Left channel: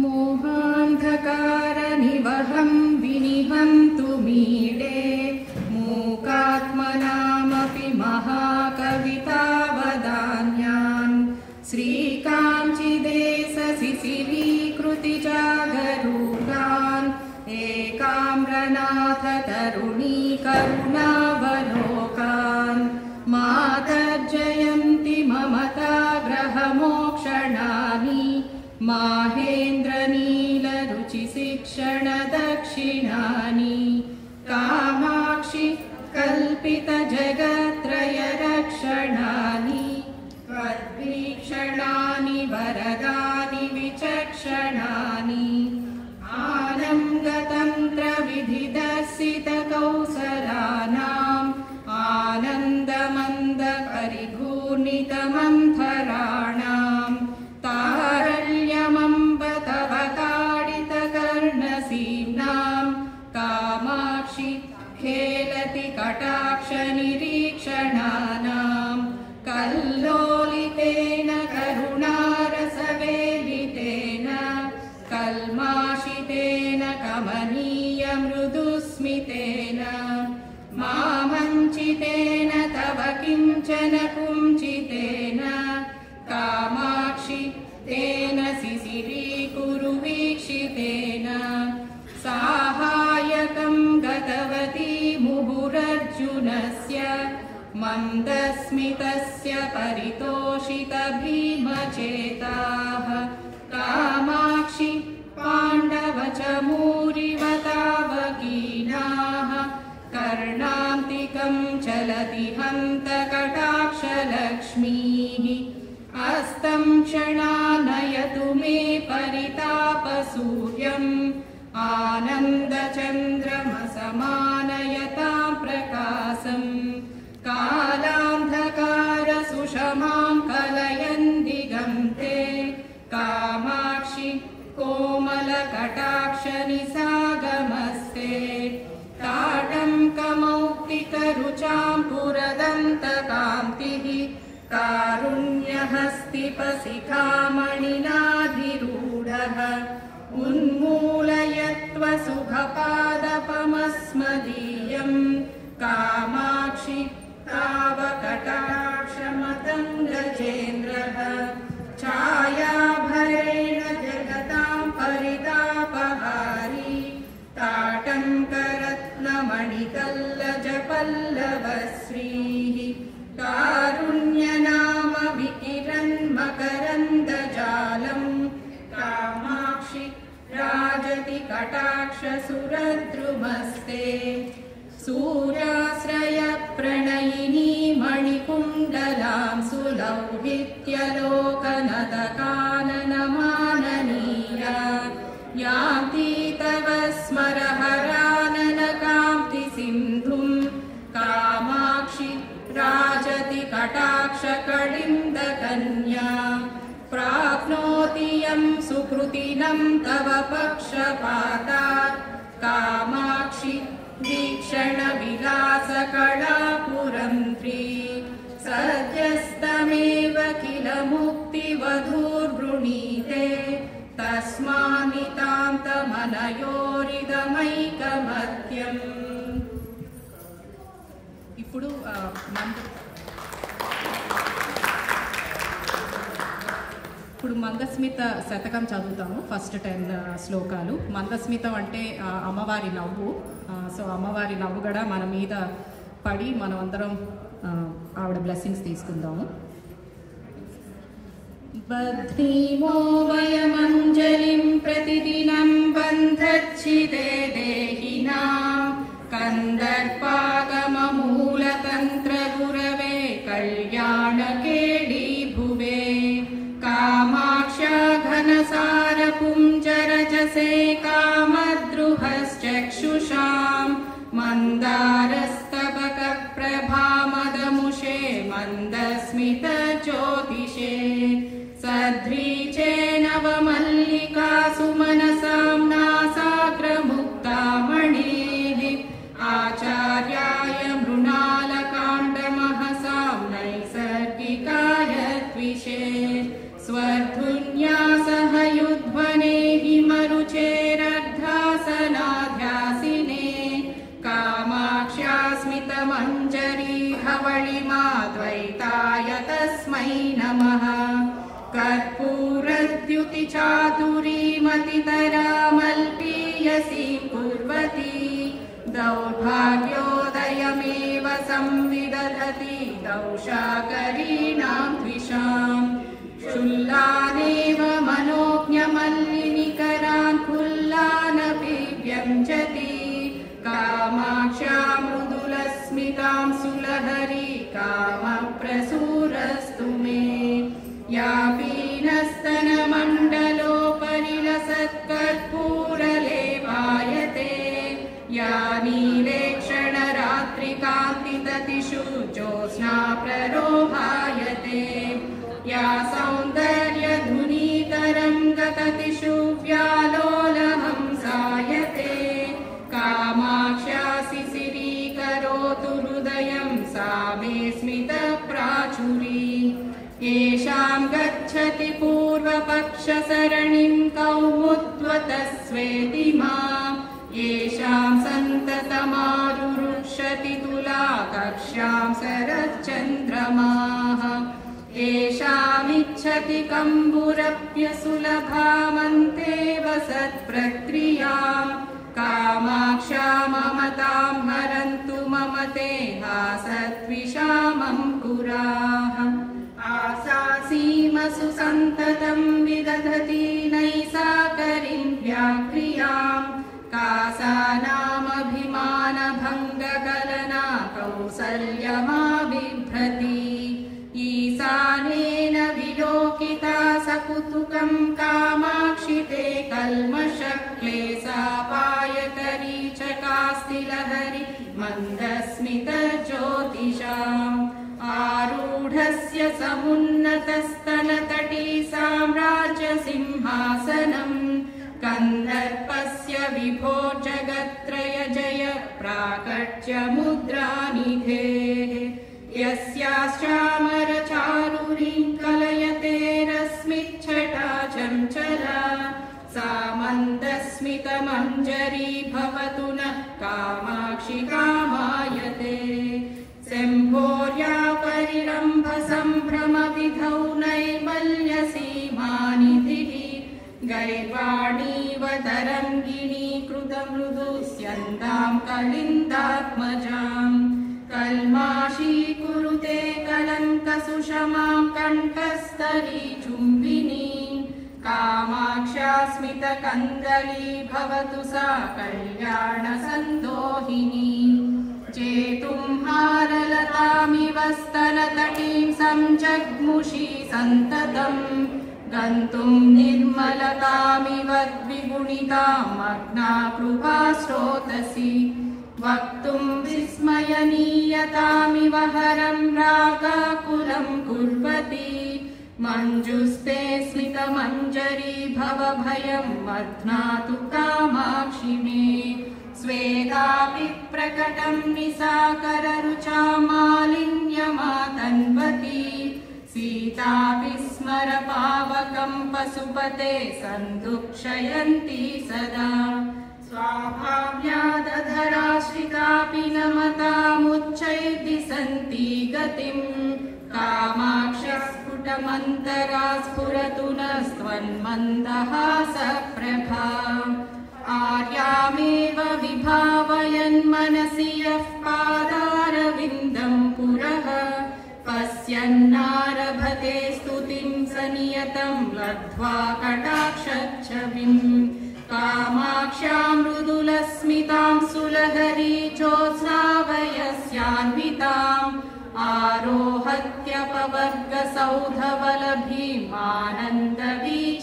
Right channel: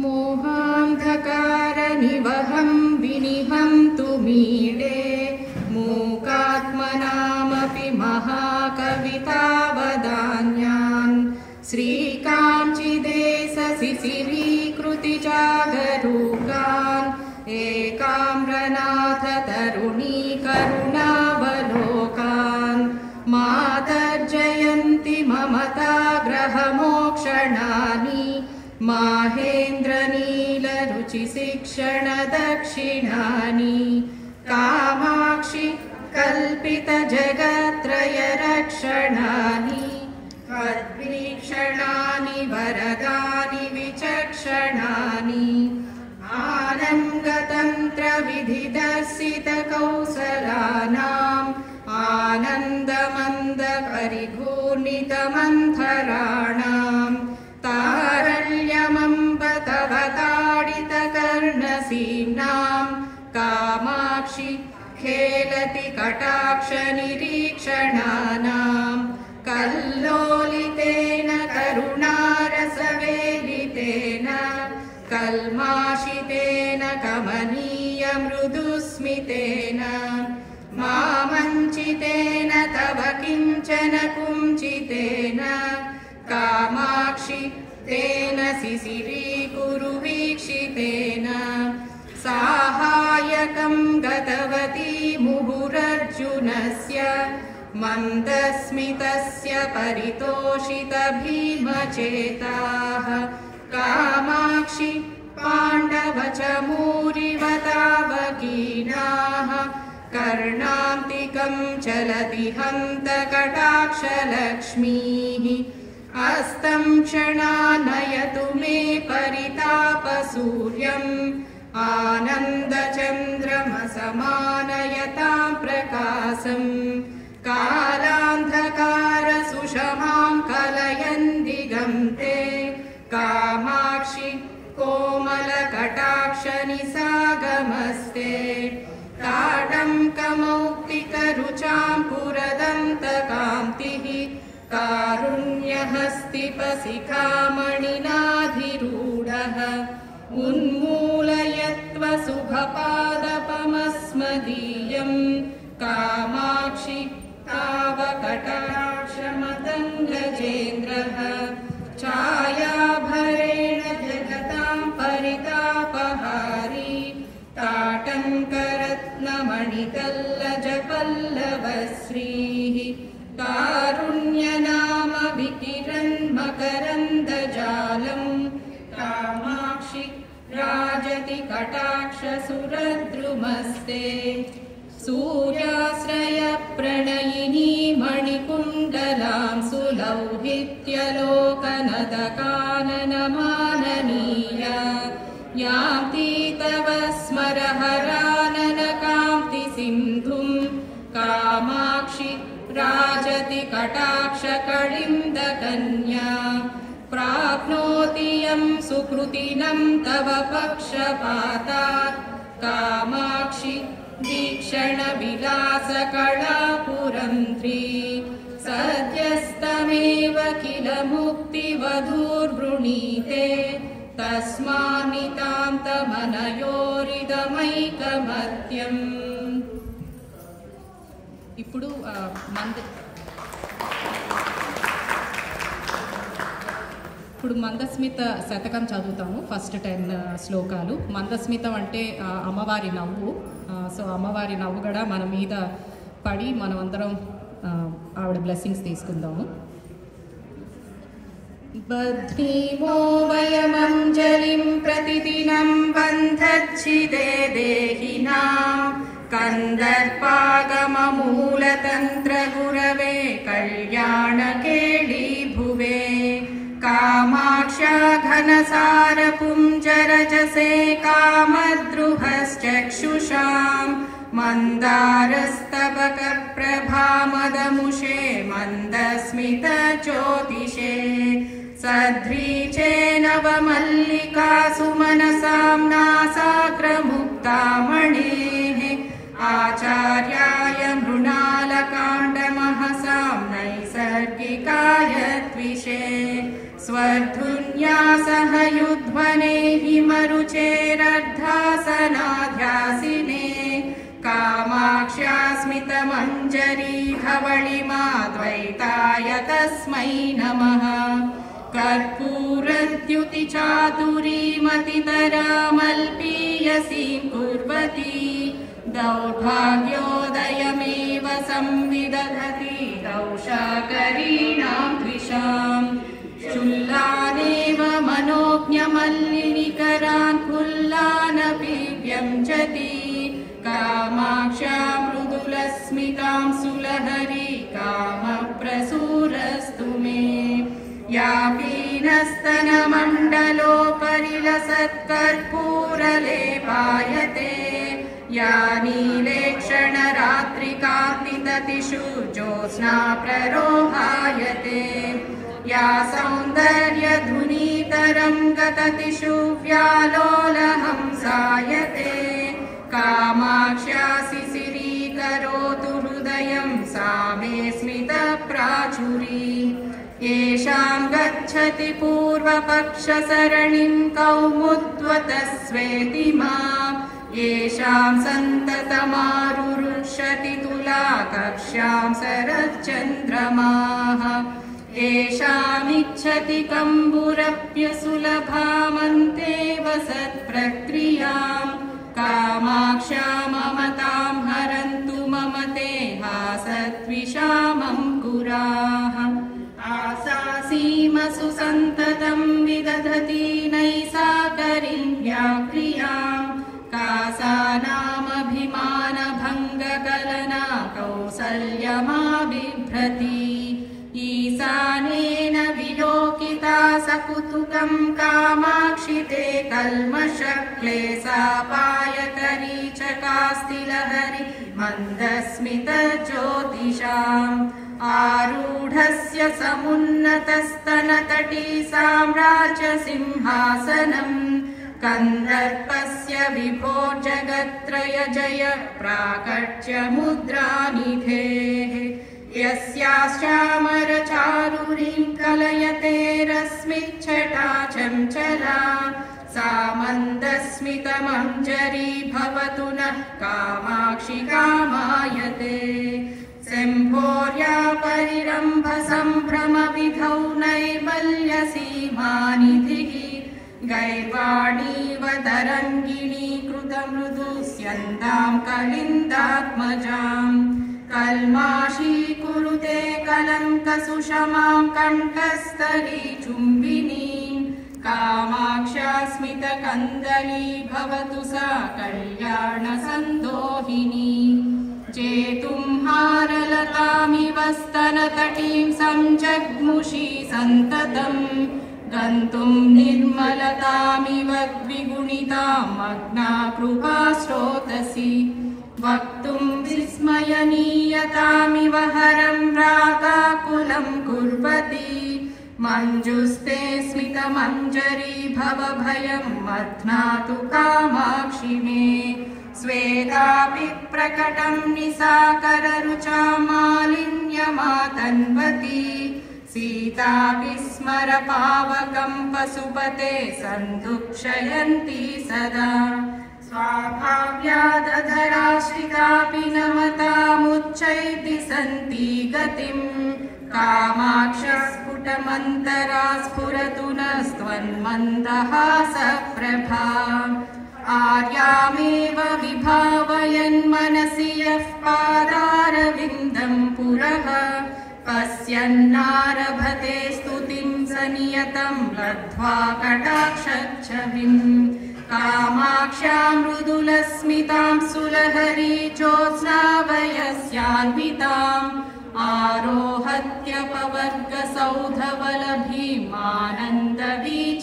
मोहान्धकारनिवहं विनिहन्तु मीडे मूकात्मनामपि महाकवितावदान्यान् श्रीकाञ्चिदेशशिशिरीकृतिजागरूकान् एकाम्रनाथ तरुणी करुणावलोकान् मातर्जयन्ति ममताग्रहमोक्षणानि माहेन्द्रनीलरुचिशिक्षणदक्षिणानि कामाक्षि कल्पितजगत्त्रयरक्षणानि तद्वीक्षणानि वरदानि विचक्षणानि आनन्दतन्त्रविधिदर्शितकौसलानाम् आनन्दमन्दपरिघूर्णितमन्थराणाम् तारल्यमम्ब तव ताडितकर्णसीम्नाम् कामाक्षि खेलति कटाक्षनिरीक्षणानाम् कल्लोलितेन करुणारसवेलितेन कल्माषितेन कमनीयमृदुस्मितेन मामञ्चितेन तव किञ्चन कुञ्चितेन कामाक्षि तेन शिशिरीकुरु वीक्षितेन साहाय्यकं गतवती मुहुरर्जुनस्य मन्दस्मितस्य परितोषित भीमचेताः कामाक्षि पाण्डवचमूरिवतावकीनाः कर्णान्तिकं चलति हन्तकटाक्षलक्ष्मीः अस्तं क्षणानयतु मे परितापसूर्यम् आनन्दचन्द्रमसमानयतां प्रकाशम् कालान्धकारसुषमां कलयन् दिगन्ते कामाक्षि कोमलकटाक्षनिसागमस्ते ताटङ्कमौक्तिकरुचां पुरदन्तकान्तिः कारुण्यहस्तिपशिखामणिनाधिरूढः उन्मूलयत्व सुखपादपमस्मदीयम् कामाक्षि तावकटाक्षमतङ्गजेन्द्रः छायाभरेण जगतां परितापहारी ताटङ्करत्नमणितल्लजपल्लवश्रीः कारुण्यनाम विकिरन्मकरन्दजालम् कामाक्षि राजति कटाक्षसुरद्रुमस्ते सूर्याश्रयप्रणयिनी मणिकुण्डलां सुलौहित्यलोकनतकाननमाननीया यान्ति तव स्मरहराननकान्तिसिन्धुं कामाक्षि राजति कटाक्षकलिन्दकन्या प्राप्नोति यं सुकृतिनं तव पक्षपातात् कामाक्षि वीक्षणविलासकलापुरन्त्री सद्यस्तमेव किल मुक्तिवधूर्वृणीते तस्मान्नितान्तमनयोरिदमैकमत्यम् ఇప్పుడు మందస్మిత శతకం చదువుతాము. ఫస్ట్ 10 శ్లోకాలు. మందస్మితం అంటే అమ్మవారి నవ్వు. సో అమ్మవారి నవ్వు కూడా మన మీద పడి మనం అందరం ఆవిడ బ్లెస్సింగ్స్ తీసుకుందాము. బధ్నీమో వయమంజలిం ప్రతిదినం బంధచ్చిదే దేహినాం కందర్పాగమమూలతంత్రగురవే కళ్యాణకేళీ భువే కామాక్షా ఘనసారపుంజరజసే కామద్రుహశ్చక్షుషాం మందారస్తబకప్రభామదముషే మందస్మితజ్యోతిషే సద్రీచేనవమల్లికాసు మనసాం నాసాగ్రముక్తామణేః ఆచార్యాయ మృణాలకాండమహసాం నైసర్గికాయ ద్విషే స్వర్ధున్యాసహ యుధ్వనేః कर्पूरद्युतिचातुरीमतितरामल्पीयसीं कुर्वती दौर्भाग्योदयमेव संविदधति दौशाकरीणां द्विषाम् शुल्लादेव मनोज्ञमल्लिनिकरान् कुल्लानपि व्यञ्जति कामाक्षा मृदुलस्मितां सुलहरी कामप्रसूरस्तु मे या पीनस्तनमण्डलोपरिलसत्कर्पूरलेपायते या नीलेक्षणरात्रिकान्तिततिषु ज्योत्स्ना प्ररोहायते या सौन्दर्यधुनीतरङ्गततिषु व्यालोलहंसायते कामाक्ष्या शिशिरीकरोतु हृदयं सा मे स्मितप्राचुरी येषां गच्छति पूर्वपक्षसरणिं कौमुद्वतस्वेति माम् येषां सन्ततमारुरुष्यति तुलाकक्ष्यां शरच्चन्द्रमाः येषामिच्छति कम्बुरप्यसुलभामन्तेव सत्प्रक्रियां कामाक्षा ममतां हरन्तु मम ते हासत्विषामङ्कुराः आशासीमसु सन्ततं विदधति नैसाकरीं व्याक्रियां कासानामभिमानभङ्गकलना कौसल्यमाबिभ्रति ईशानेन विलोकिता सकुतुकं कामाक्षिते कल्मषक्लेशापायतरी चकास्ति लहरि मन्दस्मितज्योतिषाम् आरूढस्य समुन्नतस्तनतटी साम्राज्यसिंहासनम् कन्दर्पस्य विभो जगत्त्रय जय प्राकट्यमुद्रानिधेः यस्याश्चामरचारुरीं कलयते रश्मिच्छटा चञ्चला सा मन्दस्मितमञ्जरी भवतु नः कामाक्षि कामायते शम्भोर्या परिरम्भसम्भ्रमविधौ नैर्मल्यसीमानिधिः गैर्वाणीव तरङ्गिणी कृतमृदुस्यन्तां कलिन्दात्मजाम् कल्माषीकुरुते कलङ्कसुषमां कण्ठस्थली चुम्बिनीं कामाक्षा स्मितकन्दली भवतु सा कल्याणसन्दोहिनी जेतुं हारलतामिव स्तनतटीं संजग्मुषी सन्ततम् गन्तुं निर्मलतामिव द्विगुणितां मग्ना कृपा स्रोतसि वक्तुं विस्मयनीयतामिव हरं रागाकुलं कुर्वती मञ्जुस्ते स्मितमञ्जरी भवभयं मध्नातु कामाक्षि मे स्वेदापि प्रकटं निसाकररुचा मालिन्यमातन्वती सीतापि स्मरपावकं पशुपते सन्दुक्षयन्ती सदा स्वाभाव्यादधराश्रितापि नमतामुच्चैति सन्ति गतिं कामाक्षस्फुटमन्तरा स्फुरतु नस्त्वन्मन्दहासप्रभा आर्यामेव विभावयन्मनसि यः पादारविन्दं पुरः पश्यन्नारभते स्तुतिं स नियतं लब्ध्वा कटाक्षच्छविम् कामाक्षा मृदुलस्मितां सुलहरी ज्योत्स्नावयस्यान्विताम् आरोहत्यपवर्गसौधवलभीमानन्दवीचिकां